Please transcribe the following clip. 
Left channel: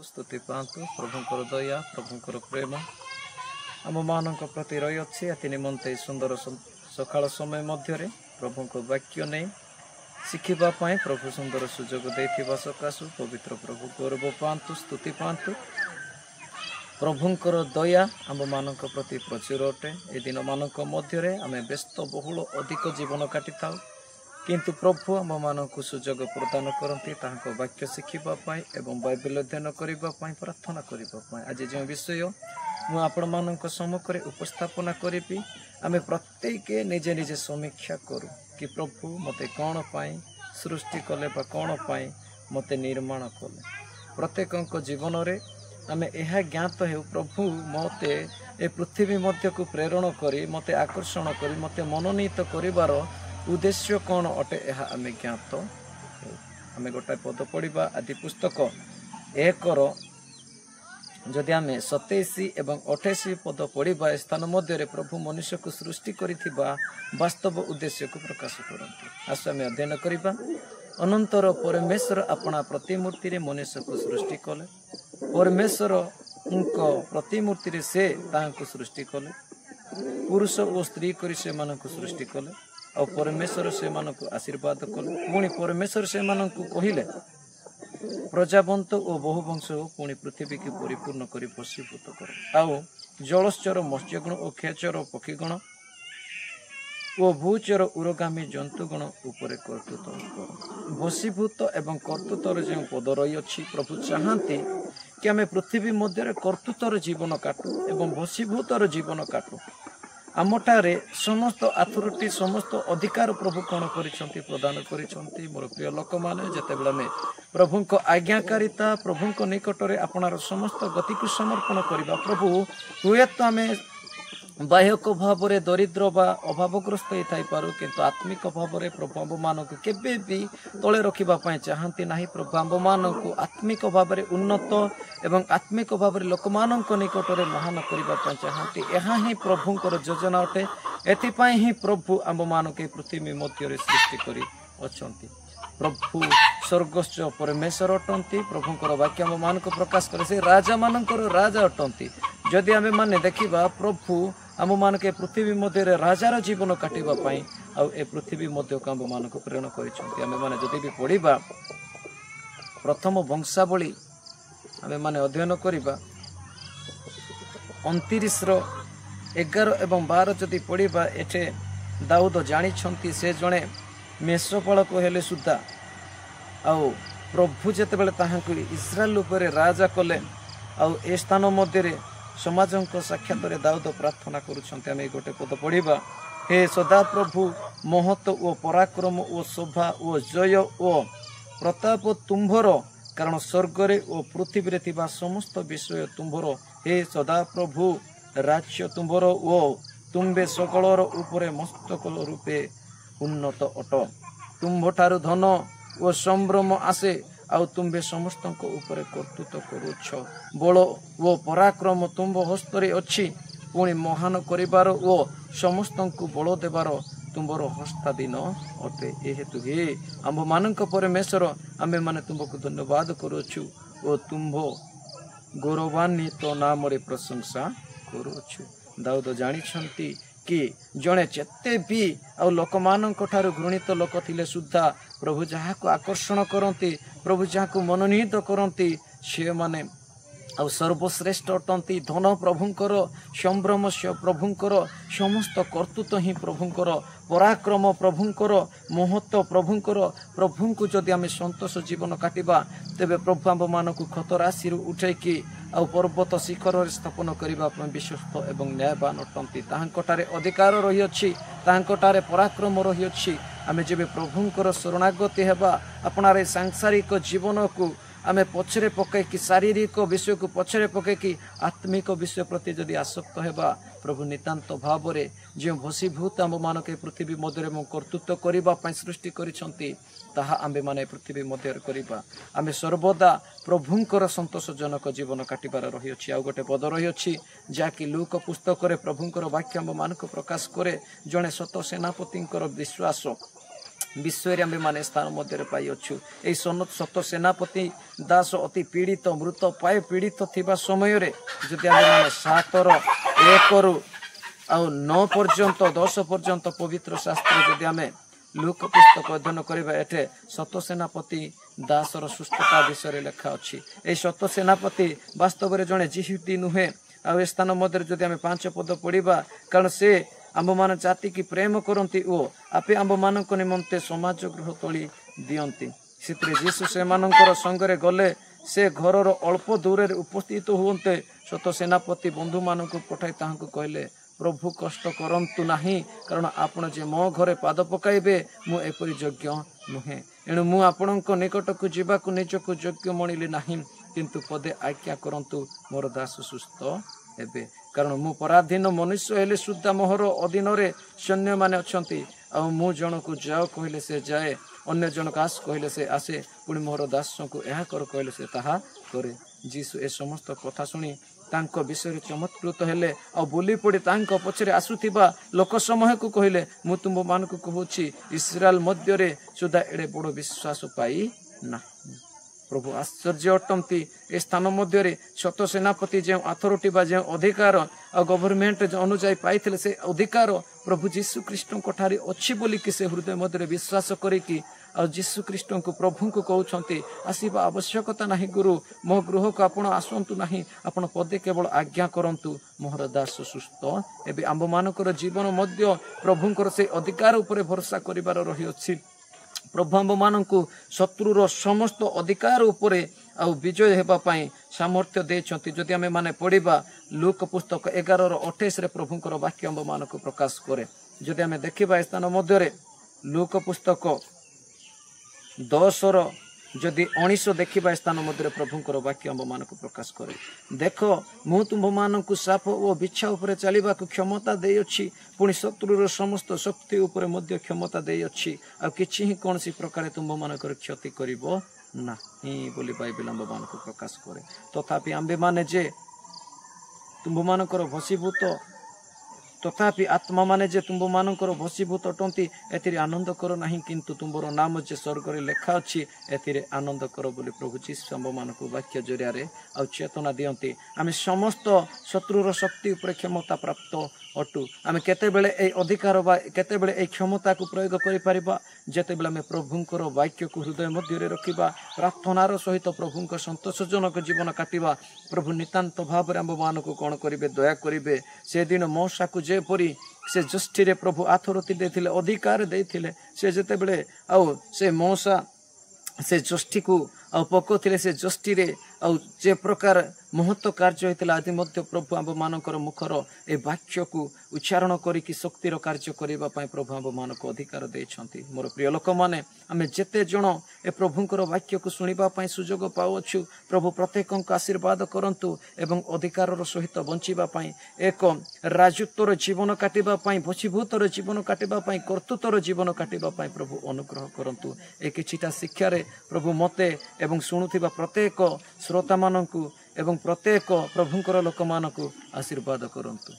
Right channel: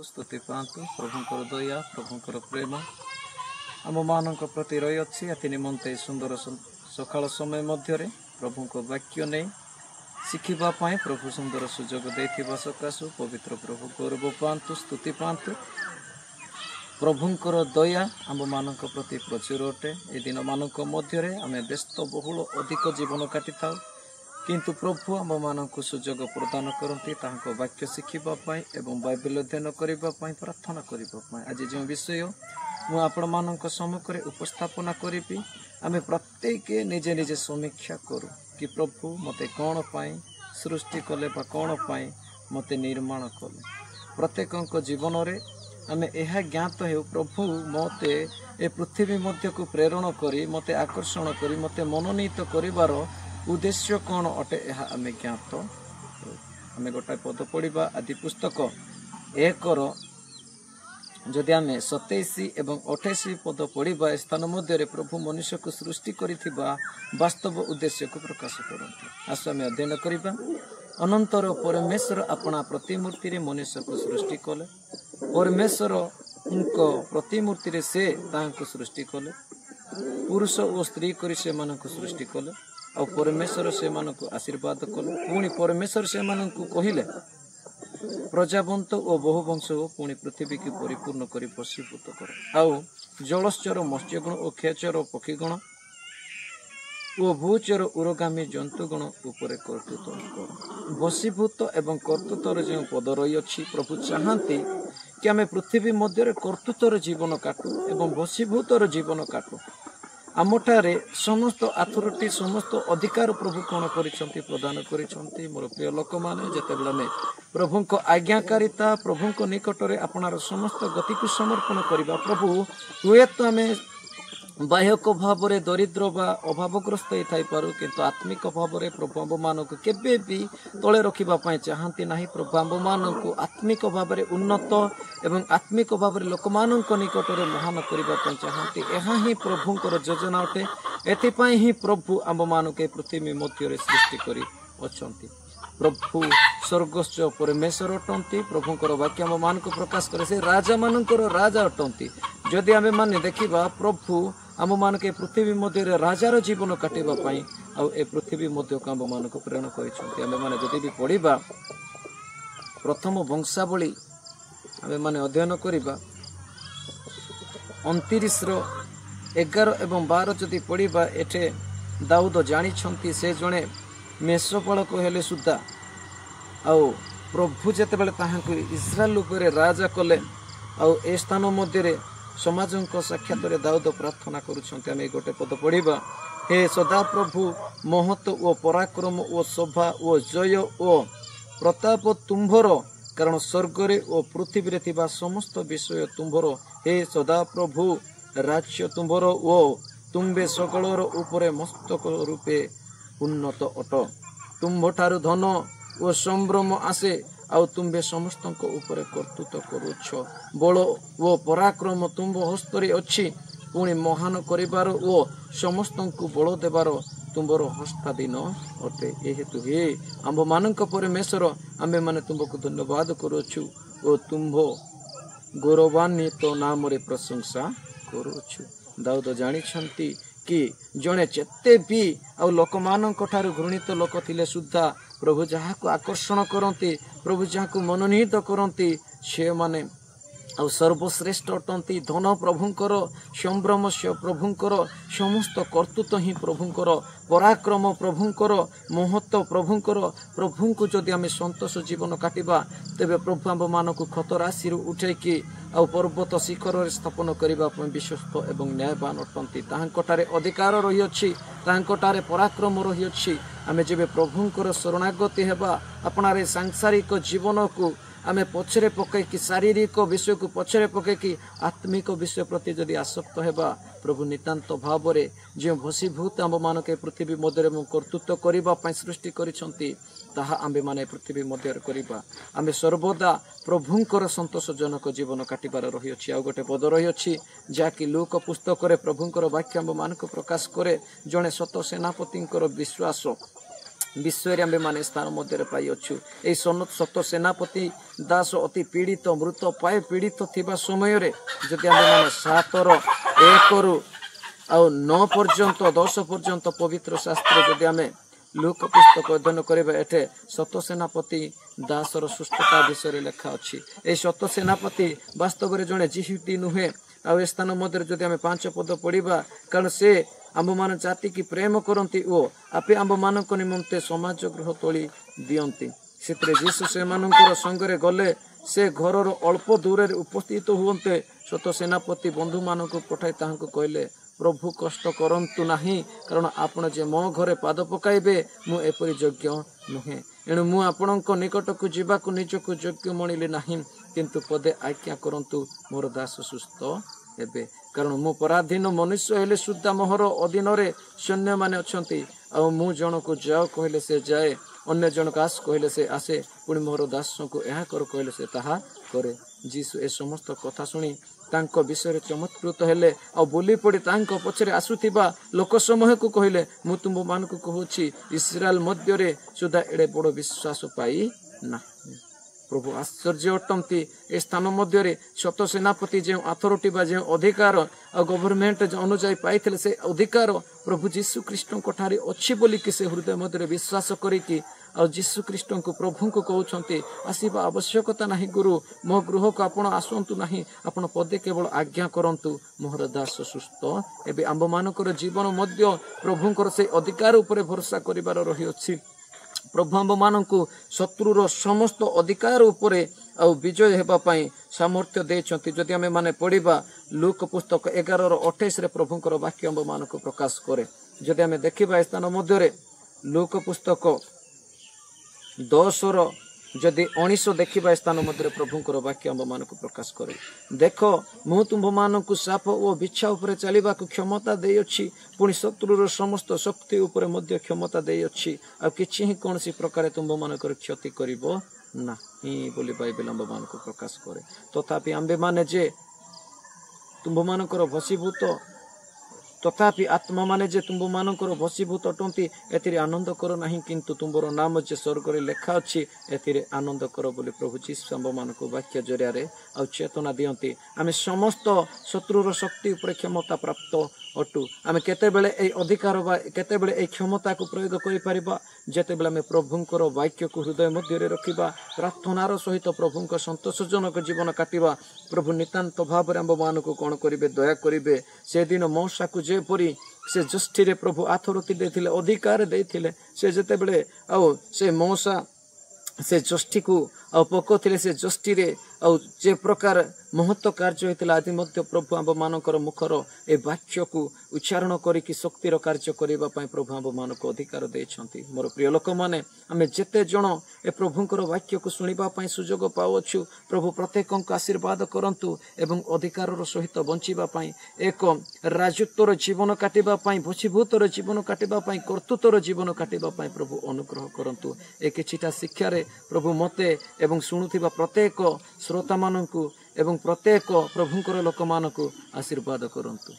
स्तुति पातु प्रभुंकर दया प्रभुंकर प्रेम आम मान प्रति रही अच्छी अति निमंते सुंदर सकाल समय मध्य प्रभु को वाक्य नहीं शिखापी प्रभु सुंदर सुजोग देथिबा सकाशु पवित्र प्रभु गौरव पातु स्तुति पातु प्रभुंकर दया आम मान प्रति प्रचुर अटे ए दिन मान मध्य आम व्यस्त बहुल अधिक जीवन काटि था किंतु प्रभु आम मान सुजोग प्रदान करती वाक्य शिखापी एवं बाइबल अध्ययन करने प्रार्थना करने आज जो विषय मुझे आपण मान सम्मुख में उपस्थापना करी आम प्रत्येक निजे निजे समीक्षा करूँ कि प्रभु मते कौन पाई सृष्टि कले बा कौन पाई मते निर्माण कले प्रत्येक जीवन रे आम यह ज्ञात हो प्रभु मते ए पृथ्वी मध्य को प्रेरण करी मते आकर्षण करी मते मनोनीत करिवार उद्देश्य कौन अटे यह आम ज्ञात आम गोटाए पद पढ़ा आदि पुस्तक एकर जदि आम 27 एवं 28 पद पढ़ा स्थान मध्य प्रभु मनुष्य को सृष्टि करिथिबा वास्तव उद्देश्य को प्रकाश करते आस आम अध्ययन करबा अनंतर परमेश्वर अपना प्रतिमूर्ति मनुष्य को सृष्टि कले परमेश्वर प्रतिमूर्ति रे से ताहां सृष्टि कले पुरुष और स्त्री करी से मानक सृष्टि कले और परमेश्वर से मानक आशीर्वाद कले पुणी परमेश्वर से मानक कहिले प्रजावंत और बहुवंश पुणी पृथ्वी की परिपूर्ण कर वशीभूत कर आउ जलश्चर मत्स्यगण और खेचर पक्षीगण और भूचर उर्गामी जंतुगण उपर कर्तृत्व वशीभूत एवं कर्तृत्वर जो पद रही अच्छी प्रभु चाहती कि आम पृथ्वी मध्य कर्तृत्वर जीवन काटू एवं वशीभूतर जीवन काटू आमठारे समस्त अथॉरिटी समस्त अधिकार प्रभु कौन करिसंती प्रदान करिसंती मोर प्रिय लोक माने जतेबेले में प्रभु को आज्ञाकारिता प्रभु को निकट में अपनार समस्त गति को समर्पण करबा प्रभु हुए तो आम बाह्यक भाव में दरिद्र बा अभावग्रस्त होता पारू किंतु आत्मिक भाव में प्रभु आम मान को केबे भी तले रखा चाहती ना प्रभु आम मान को आत्मिक भाव में उन्नत एवं आत्मिक भाव में लोक मान निकट में महान करने चाहती यहाँ ही प्रभुंर योजना अटे एथिपाई ही प्रभु आम मान के पृथ्वी मध्य सृष्टि कर प्रभु स्वर्गस्थ परमेश्वर अटंती प्रभुंर वाक्य आम मान को प्रकाश करे से राजा मानकर राजा अटंती जदि आम माने देखा प्रभु आम मान के पृथ्वी मध्य राजार जीवन काटापी ए पृथ्वी मध्य को आम मान को प्रेरण कर भी पढ़ा प्रथम वंशावली आम माने अध्ययन करवा 29:11 एवं 12 जदि पढ़ा एठे दाऊद जानी से जड़े मेषपालक हेले सुधा आउ प्रभु जितेबाला ताहांकु इस्राएल उपर राजा कले आउ ए स्थान मध्य समाज साक्षात दाऊद प्रार्थना करुछन्ते आमे गोटे पद पढ़ा हे सदा प्रभु महत्व ओ पराक्रम ओ शोभा ओ जय ओ प्रताप तुम्भर कारण स्वर्गरे ओ पृथ्वी रे समस्त विषय तुम्भर हे सदा प्रभु राज्य तुम्भर ओ तुम्बे सकलर उपरे मस्तक रूपे उन्नत अट तुम्भठारु धन ओ संभ्रम आसे आउ तुम्बे समस्त ऊपर कर्तृत्व करुछ बल ओ पराक्रम तुम्भ हस्तरे अच्छी पुणी महान करिबार ओ समस्त बल देवार तुम्बर हस्ताधीन अटे ए हेतु हे आम मानक परमेश्वर आमे माने तुमको धन्यवाद करुछु ओ तुम्भ गौरवान्वित नाम रे प्रशंसा करुछु दाऊद जानी कि जड़े चेते भी आउ लोक मान घृणित लोक थिले सुद्धा प्रभु जहाँ को आकर्षण करती प्रभु जहाँ को मनोनीत करती से माने आउ सर्वश्रेष्ठ अटंती धन प्रभुंकर संभ्रम प्रभुंकर समस्त कर्तृत्व ही प्रभुंकर पराक्रम प्रभुंकर महत्व प्रभुंकर प्रभु को जदि आम संतोष जीवन काटिबा तेबे प्रभु आम मान को खत राशि उठेकी आउ पर्वत शिखर स्थापन करने विश्वस्त एवं न्यायवान अटंती ताहांकटारे अधिकार रही अछि ताहांकटारे पराक्रम रही अछि आमे जेबे प्रभुंकर शरणागति हेबा अपनारे सांसारिक जीवन को आमे पछरे पकई शारीरिक विषय को पछरे पकई आत्मिक विषय प्रति जदि आसक्त हेबा प्रभु नितांत भाव में जो वशीभूत आम मान के पृथ्वी मध्य कर्तृत्व करने सृष्टि करिसंती ताहा आम्बे माने पृथ्वी मध्य करबा आमे सर्वदा प्रभुंकर संतोषजनक जीवन काटिबार रही अछि आ गोटे पद रही अछि जाकि लूक पुस्तक रे प्रभुंकर वाक्य आम मान को प्रकाश करे जड़े सत सेनापतिंकर विश्वास विषय आम मैंने स्थान मध्य पाइछु। यही सत सेनापति दास अति पीड़ित मृत पाए पीड़ित थिबा समय जदि आम मैंने 7:1 आउ 9 पर्यंत 10 पर्यंत पवित्र शास्त्र जदि आम लूक पुस्तक अध्ययन करबा एठे सत सेनापति दासर सुस्थता विषय लेखा अछि। एही सत सेनापति वास्तव में जड़े जिहुदी नुहे। आ स्थान मध्य जदि आम 5 पद पढ़ा कारण से आम मान जाति की प्रेम करती ओ आपे आम मान निमंते समाज गृह तोली दियंती। से जीशु से मानकर संगरे गले से घरर अल्प दूर उपस्थित हुए सत सेनापति बंधु मान पठाई ताहां कहले प्रभु कष्ट करंतु नाही कारण आपण जे मो घरे पाद पकाइबे मु एपरि योग्य नुहे एणु मु आपणक निकट को जीवाकु निजकु योग्य मणिले नाही किंतु पदे आज्ञा करंतु मोर दास सुस्थ हेबे कारण मु पराधीन मनुष्य हेले सुद्धा मोहर अधीन रे सैन्य माने अछंती आ मु जनक जाओ कहले से जाए अन्य जनक आस कहले से आसे पुणी मोर दास को यह कर कहले से ताहा करे। जीसु ए समस्त कथा शुणी तांको विषय चमत्कृत हेले आ बोली पड़ी तांको पछरे आसुथिबा लोक समूह को कहले मु तुम मान को कहूची इस्राएल मध्य रे सुधा एडे बड़ विश्वास पाई ना। प्रभु आश्चर्य अटंती ए स्थान मध्य सत सेनापति जो अथॉरिटी बा जो अधिकार आ गवर्नमेंट अनुजाई पाइथिले से अधिकार प्रभु जीशु कृष्ण को ठारी अछि बोली कि से हृदय मध्य विश्वास करिकी आ जीशु कृष्ण को प्रभु को कहउछंती आसीबा आवश्यकता नाही गुरु मो गृह को आपण आसंतु नाही आपण पदे केवल आज्ञा करंतु मोहर दास सुस्थ एबे आंब मानकर जीवन मध्य प्रभुंकर से अधिकार उपरे भरोसा करिवार रही अछि। प्रभु आंब मानकु शत्रुर समस्त अधिकार उपरे आ विजय हेबा पई सामर्थ्य देछंती। जदि आमे माने पढ़िबा लूक पुस्तक 11:28 रे प्रभुंकर वाक्य आंब मानकु प्रकाश करे। जदि आमे देखिबा स्थान मध्य रे लूक पुस्तक 10 जदि 19 देखिबा स्थान मध्य प्रभुंकर वाक्य आंब मानकु प्रकाश करे। देख मु तुम मानकु साप ओ बिच्छा उपरे चलिबा को क्षमता देई अछि पुणी शत्रुर समस्त शक्ति उपरे मध्य क्षमता देई अछि आ किछि ही कोनसी प्रकार तुम मानकर क्षति करिवो ना ही बोली बाइबल आंब मानकु प्रकाश करे। तथापि आंबे माने जे तुम मानकर भसीभूत तथापि आत्मा माने जे तुम मानकर भसीभूत अटंती एथिरे आनंद करो नाही किंतु तुमरो नाम जे स्वर्ग रे लेखा अछि एथिरे आनंद करो बोली प्रभु जीशु आंब मानकु वाक्य जरिया रे आ चेतना दियंती। आमे समस्त शत्रुर शक्ति उपर क्षमता प्राप्त अटु आमे केते बेले ए अधिकार बा केते बेले ए क्षमता को प्रयोग करि परिबा जेते बेले आमे प्रभुंकर वाक्य को हृदय मध्य रे रखिबा प्रार्थनार सहित प्रभुंकर संतोषजनक जीवन काटिबा प्रभु नितांत भाव रे आंब मानकु कोन करिवे दया करिवे। से दिन मौसा को जेपरी से जष्टि रे प्रभु अथॉरिटी देथिले अधिकार देथिले से जेते बेले आ से मौसा से जष्टि को आ पकोथिले से जष्टि रे आ जे प्रकार महत्व कार्य होइतिला आदि मध्य प्रभु आंब मानकर मुखर ए वाक्य को उच्चारण करिकि शक्तिर कार्य करिबा पई प्रभु आंब मानक अधिकार देछंती। मोर प्रिय लोक माने आमे जेते जण ए प्रभुंकर वाक्य को सुनिबा पई सुजोग पाउछु प्रभु प्रत्येकक आशीर्वाद करंतु एवं अधिकारर सहित बंचिबा पई एक राजत्वर जीवन काटिबा पई भसीभूतर जीवन काटिबा पई कर्तृत्वर जीवन काटिबा पई प्रभु अनुग्रह करंतु। ए किछिटा शिक्षा रे प्रभु मते एवं सुनुथिबा प्रत्येक श्रोता मानकु एवं प्रत्येक प्रभुंकर लोक मानकु आशीर्वाद करंतु।